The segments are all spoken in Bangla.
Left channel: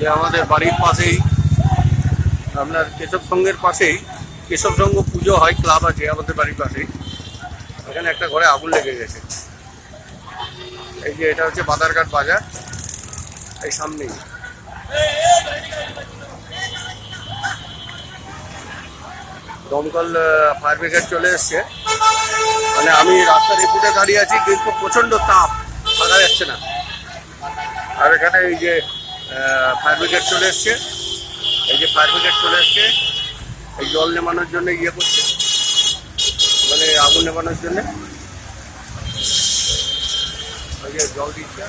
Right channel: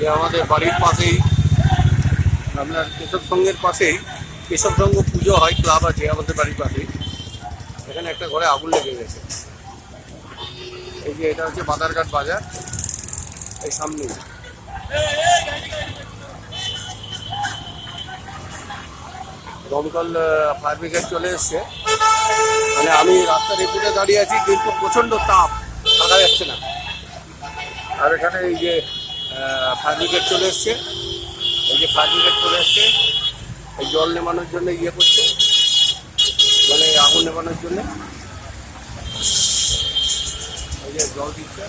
যে আমাদের বাড়ির পাশেই আপনার কেশব সংঘের পাশেই কেশব সংঘ পুজো হয়, ক্লাব আছে আমাদের বাড়ির পাশেই। এখানে একটা ঘরে আগুন লেগে গেছে। এই যে এটা হচ্ছে বাদারঘাট বাজার, এই সামনেই। দমকল ফায়ার ব্রিগেড চলে এসছে। মানে আমি রাস্তার এপুটে দাঁড়িয়ে আছি, কিন্তু প্রচণ্ড তাপ, থাকা যাচ্ছে না। আর এখানে এই যে ফায়ার ব্রিগেড চলে এসছে, এই যে ফায়ার ব্রিগেড চলে এসছে, এই জল নেমানোর জন্য ইয়ে করছে, মানে আগুন নেমানোর জন্য ওই যে জল দিচ্ছে।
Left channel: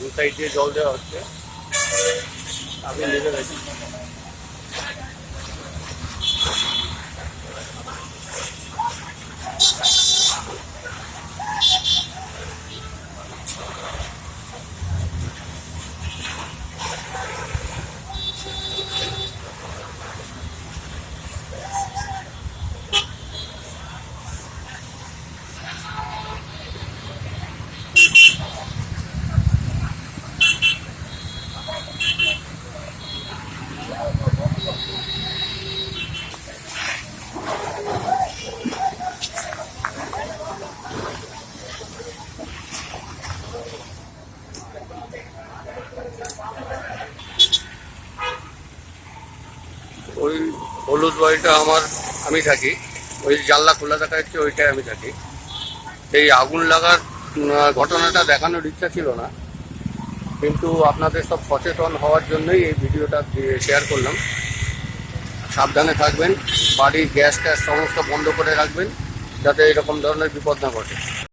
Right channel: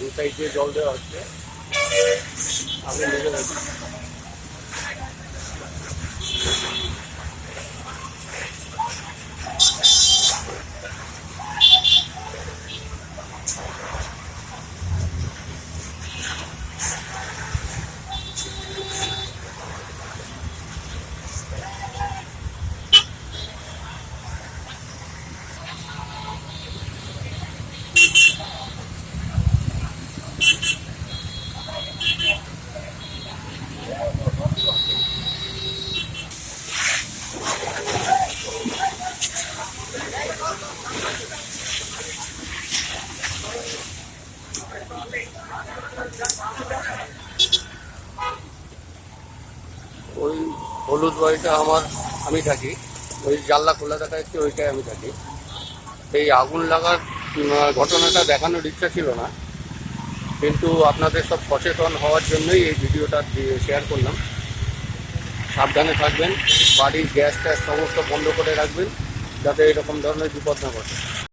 দু সাইড দিয়ে জল দেওয়া হচ্ছে, আপনি নিজে দেখুন। ওই হলুদ বাড়িটা আমি থাকি, ওই জানলা খোলা দেখা যাচ্ছে, ওইটাই আমি থাকি। এই আগুন লাগার ঘটনাটা দেখানোর ইচ্ছা ছিল না, কিন্তু আপনাদের সব সচেতন হওয়ার জন্যই এই ভিডিওটা শেয়ার করলাম। সাবধানে থাকবেন, বাড়ির গ্যাস ট্যাস সমস্ত বন্ধ করে রাখবেন, যাতে এরকম ধরনের বিপদ না ঘটে।